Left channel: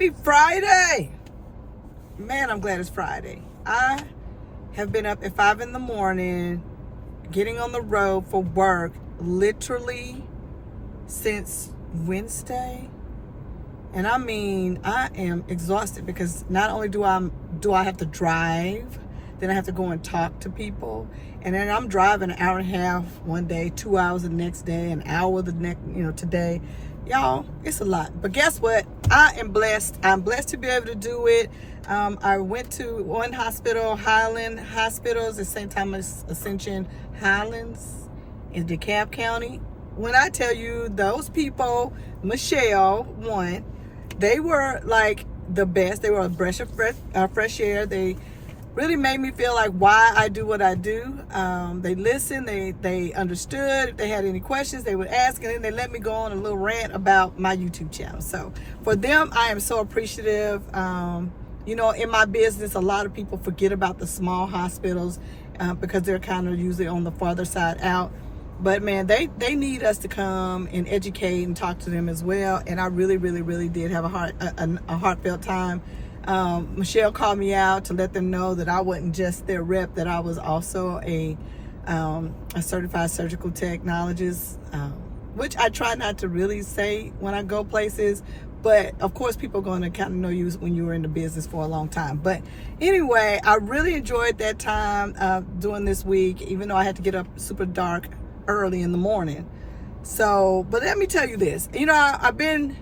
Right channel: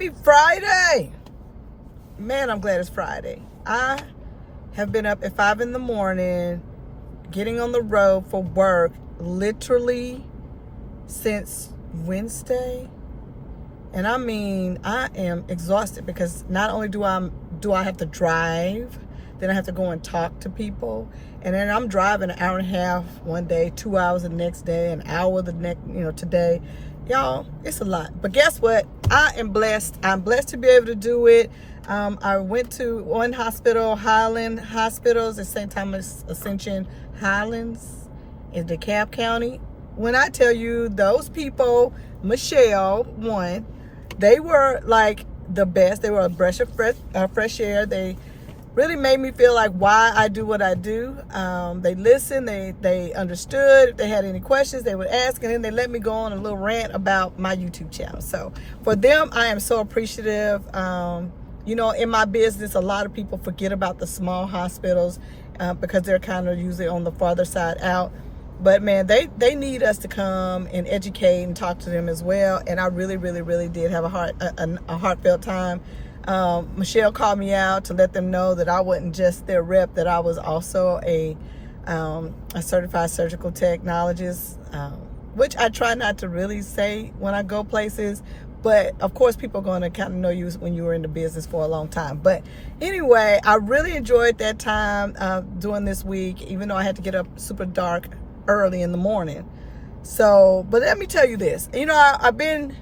Happy Friday! Man, I'm glad it's Friday. I have been up at 5 in the morning, getting on the road for work, literally since Wednesday. And I mean, I am exhausted because not only do I have to drive, then I have to go and talk to people. And then I'm driving an hour and a half one day, 2 hours the next day, an hour the next, today. Y'all, it's a lot. But guess what? I am blessed. I'm blessed to be able to do it. I went to one hospital, Highland Hospitals at St. Thomas Ascension Highlands in DeKalb County. When I tell you those people, Michelle, one, they were like the best. They were a breath of fresh air. They really made me feel like why I do what I do. They listened, they understood. If they had any questions, they would ask, and then they let me go on a little rant about my YouTube channel. So for them, I am so appreciative. In my business, a lot of people forget about the small hospitals because they're kind of usually on the farther side out. But man, they need us to come and educate and talk to them as well. And I really, really, really did have a heartfelt time. Michelle called me out to let them know that I wasn't just their rep, that I was also a certified surgical technologist, which I try not to really say when I go places. But of course, people are going to kind of know you when you were in the business for a long time. But anyway, I really enjoyed that time doing this week, even though I had to get up super dark early in the morning. So, but let me tell you this, I've been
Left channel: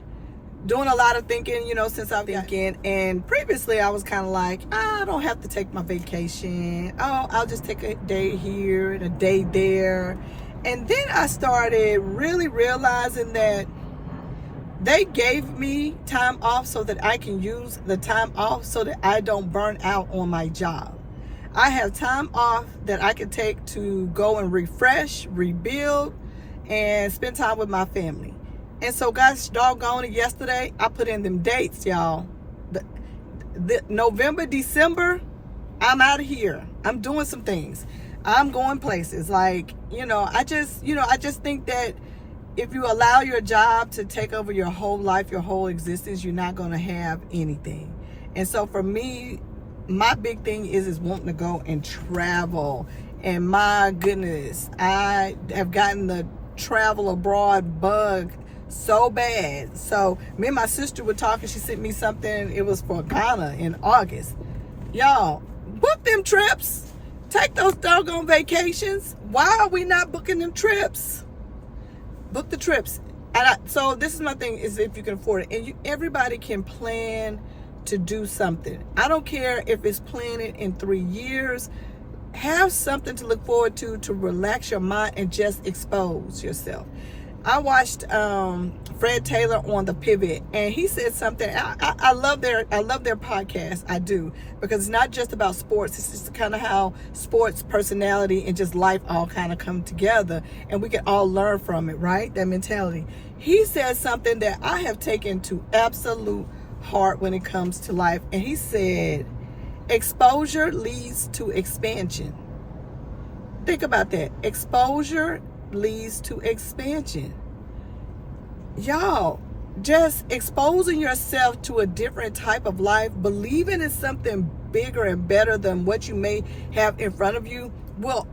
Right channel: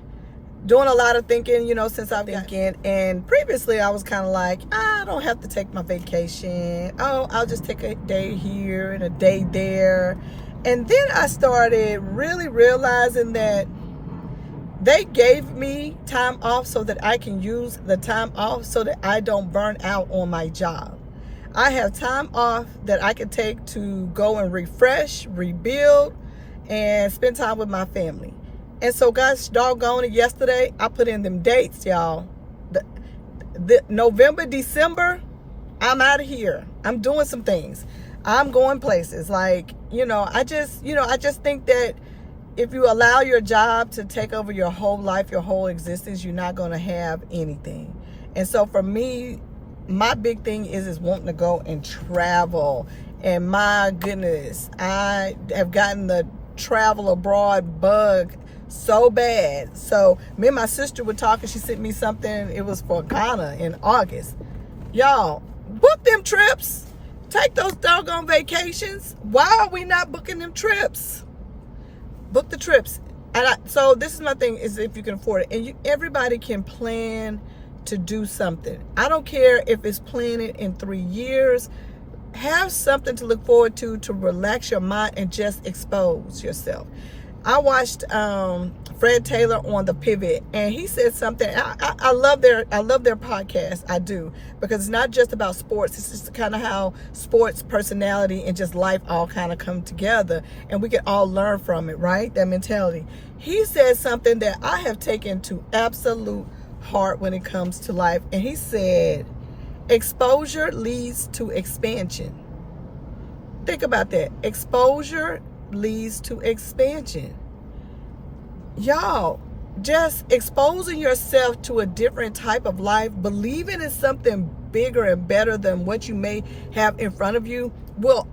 doing a lot of thinking, since I've been thinking, and previously I was kind of like, I don't have to take my vacation. Oh, I'll just take a day here and a day there. And then I started really realizing that they gave me time off so that I can use the time off so that I don't burn out on my job. I have time off that I can take to go and refresh, rebuild, and spend time with my family. And so, guys, doggone it, yesterday, I put in them dates, y'all. The November, December, I'm out of here. I'm doing some things. I'm going places. Like, I just think that if you allow your job to take over your whole life, your whole existence, you're not going to have anything. And so for me, my big thing is wanting to go and travel. And my goodness, I have gotten the travel abroad bug so bad. So me and my sister were talking. She sent me something. It was for Ghana in August. Y'all, book them trips. Take those doggone vacations. Why are we not booking them trips? Book the trips. So this is my thing, is if you can afford it. And everybody can plan to do something. I don't care if it's planning in 3 years. Have something to look forward to relax your mind and just expose yourself. I watched Fred Taylor on The Pivot, and he said something. I love their podcast. I do, because it's not just about sports. It's just kind of how sports, personality, and just life all kind of come together, and we can all learn from it, right? That mentality. He said something that I have taken to absolute heart when it comes to life, and he said, exposure leads to expansion. Think about that. Exposure leads to expansion. Y'all, just exposing yourself to a different type of life, believing in something bigger and better than what you may have in front of you, will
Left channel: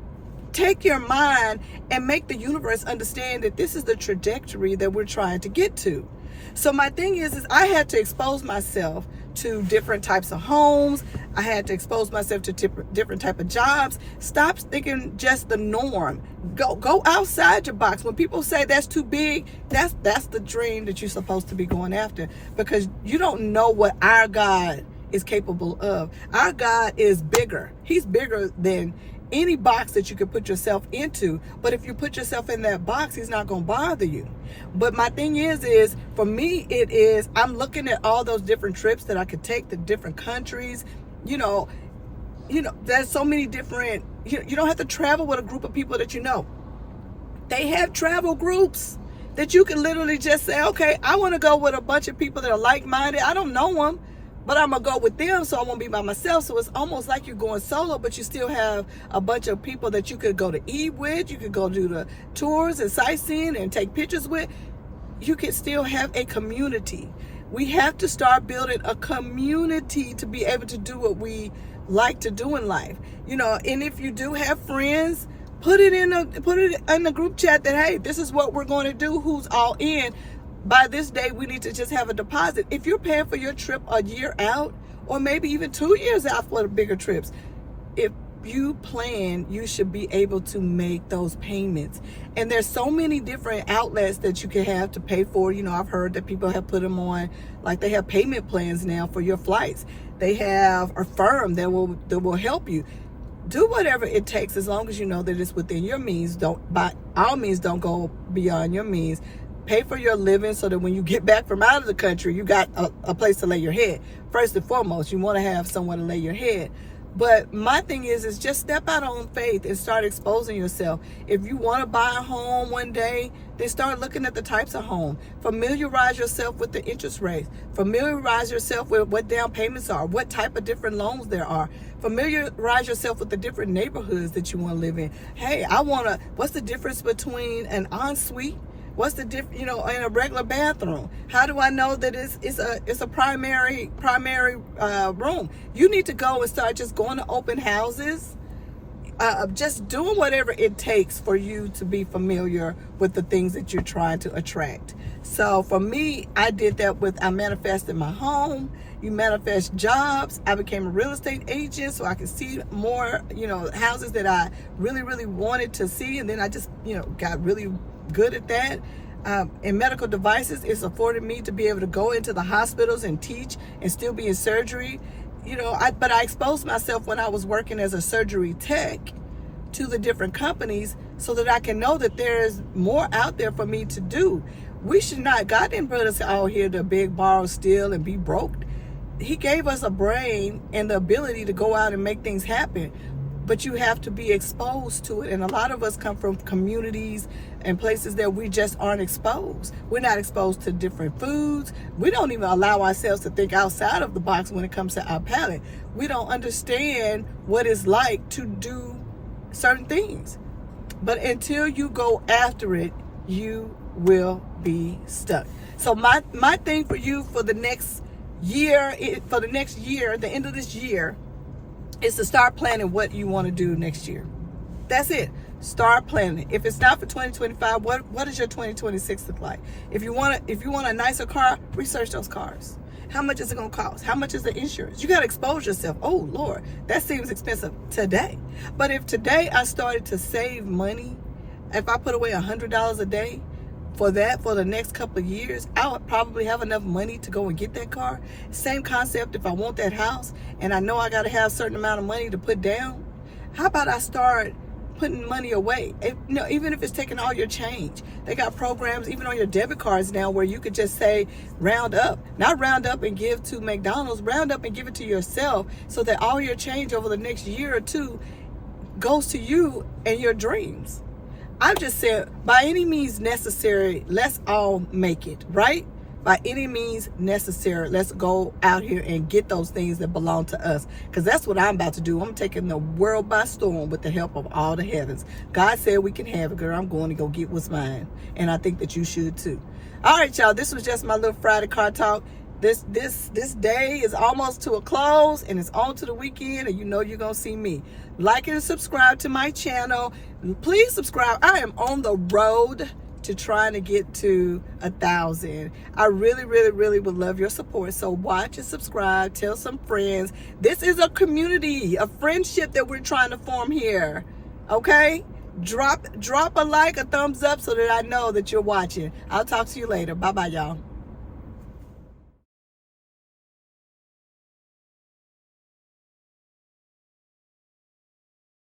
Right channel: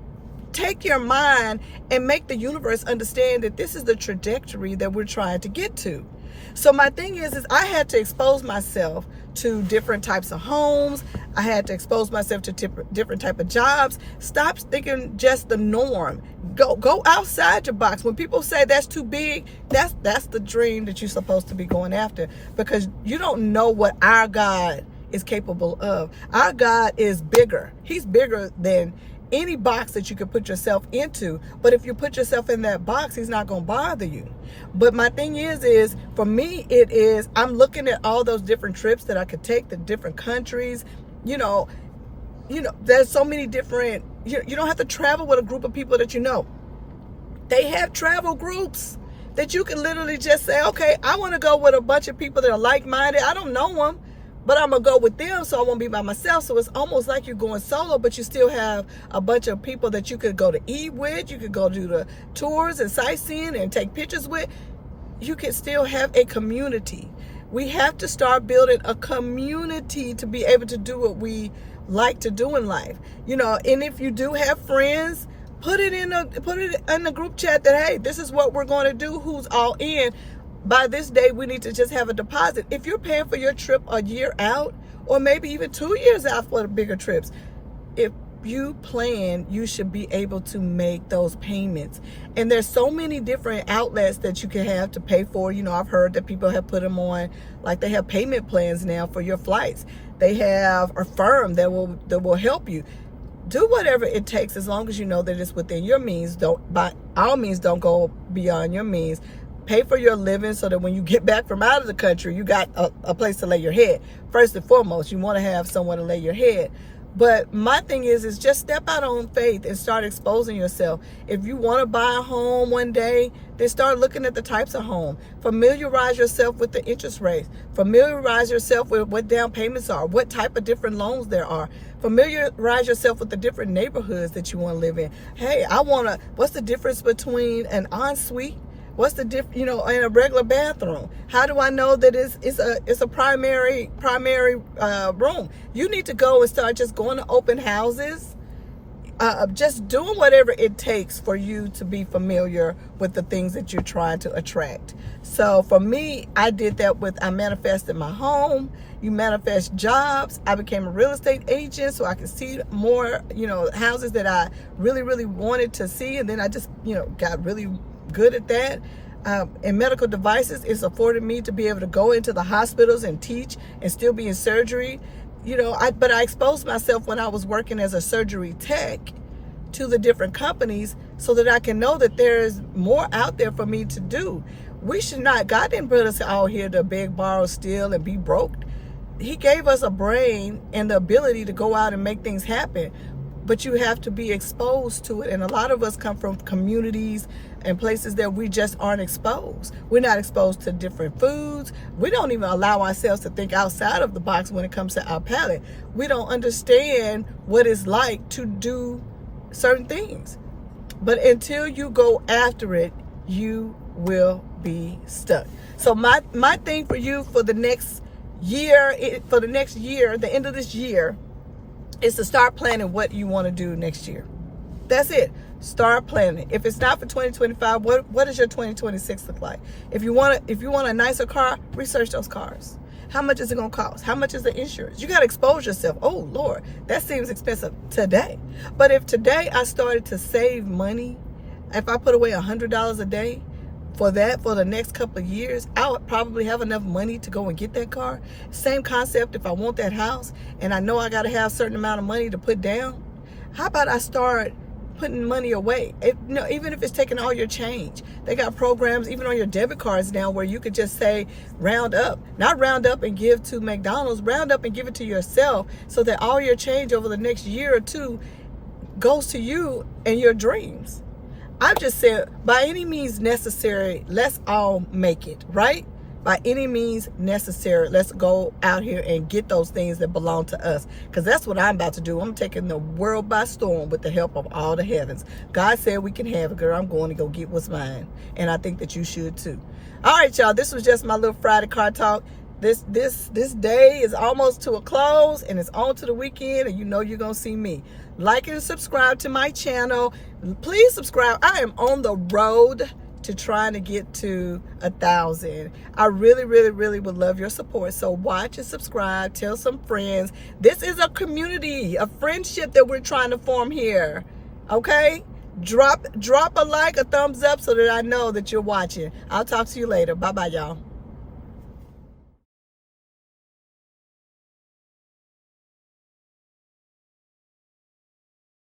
take your mind and make the universe understand that this is the trajectory that we're trying to get to. So my thing is I had to expose myself to different types of homes. I had to expose myself to different type of jobs. Stop thinking just the norm. Go outside your box. When people say that's too big, that's the dream that you're supposed to be going after, because you don't know what our God is capable of. Our God is bigger. He's bigger than any box that you could put yourself into. But if you put yourself in that box, he's not going to bother you. But my thing is for me, I'm looking at all those different trips that I could take to different countries. There's so many different, you don't have to travel with a group of people that you know. They have travel groups that you can literally just say, okay, I want to go with a bunch of people that are like-minded. I don't know them, but I'm going to go with them, so I won't be by myself. So it's almost like you're going solo, but you still have a bunch of people that you could go to eat with. You could go do the tours and sightseeing and take pictures with. You can still have a community. We have to start building a community to be able to do what we like to do in life. You know, and if you do have friends, put it in a group chat that, hey, this is what we're going to do. Who's all in? By this day, we need to just have a deposit. If you're paying for your trip a year out, or maybe even 2 years out for the bigger trips, if you plan, you should be able to make those payments. And there's so many different outlets that you can have to pay for. You know, I've heard that people have put them on, like they have payment plans now for your flights. They have a firm that will help you. Do whatever it takes, as long as you know that it's within your means. By all means, don't go beyond your means. Pay for your living so that when you get back from out of the country, you got a place to lay your head. First and foremost, you want to have somewhere to lay your head. But my thing is just step out on faith and start exposing yourself. If you want to buy a home one day, then start looking at the types of home. Familiarize yourself with the interest rates. Familiarize yourself with what down payments are, what type of different loans there are. Familiarize yourself with the different neighborhoods that you want to live in. Hey, what's the difference between an ensuite? What's the difference, in a regular bathroom? How do I know that it's a primary room? You need to go and start just going to open houses, just doing whatever it takes for you to be familiar with the things that you're trying to attract. So for me, I did that I manifested my home. You manifest jobs. I became a real estate agent so I could see more, houses that I really, really wanted to see. And then I just, got really good at that. And medical devices, it's afforded me to be able to go into the hospitals and teach and still be in surgery. But I exposed myself when I was working as a surgery tech to the different companies so that I can know that there is more out there for me to do. We should not, God didn't put us out here to beg, borrow, steal, and be broke. He gave us a brain and the ability to go out and make things happen. But you have to be exposed to it. And a lot of us come from communities and places that we just aren't exposed. We're not exposed to different foods. We don't even allow ourselves to think outside of the box when it comes to our palate. We don't understand what it's like to do certain things. But until you go after it, you will be stuck. So my thing for you for the next year, the end of this year, is to start planning what you want to do next year. That's it. Start planning. If it's not for 2025, what does your 2026 look like? If you want a nicer car, research those cars. How much is it going to cost? How much is the insurance? You got to expose yourself. Oh, Lord, that seems expensive today. But if today I started to save money, if I put away $100 a day for the next couple of years, I would probably have enough money to go and get that car. Same concept if I want that house and I know I got to have a certain amount of money to put down. How about I start putting money away? Even if it's taking all your change. They got programs even on your debit cards now where you could just say round up. Not round up and give to McDonald's, round up and give it to yourself so that all your change over the next year or two goes to you and your dreams. I'm just saying, by any means necessary, let's all make it, right? By any means necessary, let's go out here and get those things that belong to us. Because that's what I'm about to do. I'm taking the world by storm with the help of all the heavens. God said we can have it, girl. I'm going to go get what's mine. And I think that you should too. All right, y'all. This was just my little Friday car talk. This day is almost to a close and it's on to the weekend, and you're going to see me. Like and subscribe to my channel. Please subscribe. I am on the road to trying to get to 1,000. I really, really, really would love your support. So watch and subscribe. Tell some friends. This is a community, a friendship that we're trying to form here. Okay? Drop a like, a thumbs up so that I know that you're watching. I'll talk to you later. Bye-bye, y'all.